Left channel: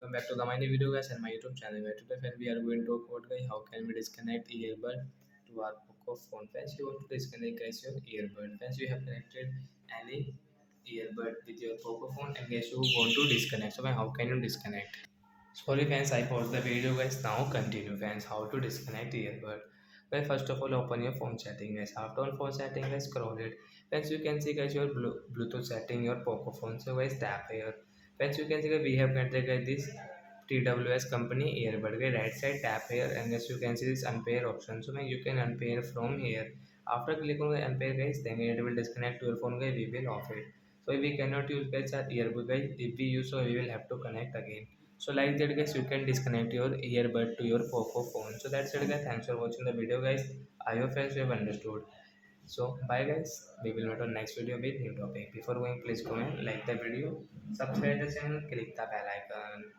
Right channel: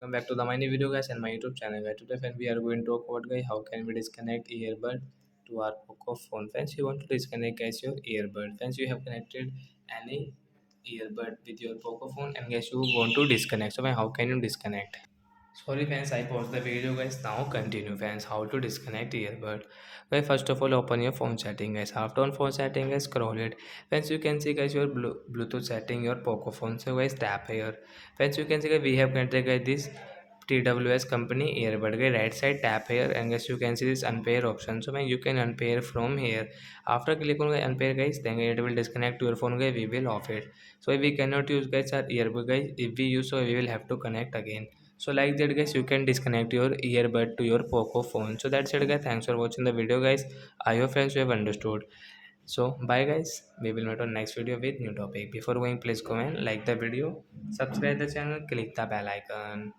Welcome back to the my new video guys and my YouTube channel guys. Today friends, we are going to talk about guys how can we disconnect earbud to our Poco phone. Friends, you want to disconnect guys your earbud. Friends, you have connected any earbud with your Poco phone and guys you want to disconnect. So how can you disconnect? Sorry fans, I paused the video guys. Now continue fans. How to disconnect earbud? Well, first of all, open your phone setting guys. After on phone setting guys, scroll it. Friends, you can see guys your Bluetooth setting your Poco phone. So guys, tap here. Friends, you can see guys, we have connected guys this TWS company earbud. Guys, right side tap here and guys you can see this unpair option. So when you can unpair from here. After click on unpair guys, then it will disconnect your phone guys. We will off it. So if we cannot use guys our earbud guys, if we use so we will have to connect again. So like that guys, you can disconnect your earbud to your Poco phone. So that's it guys, thanks for watching the video guys. I hope friends you have understood. So bye guys, we will meet on next video with new topic. Before going, please comment, like the video, subscribe the channel, click the bell icon.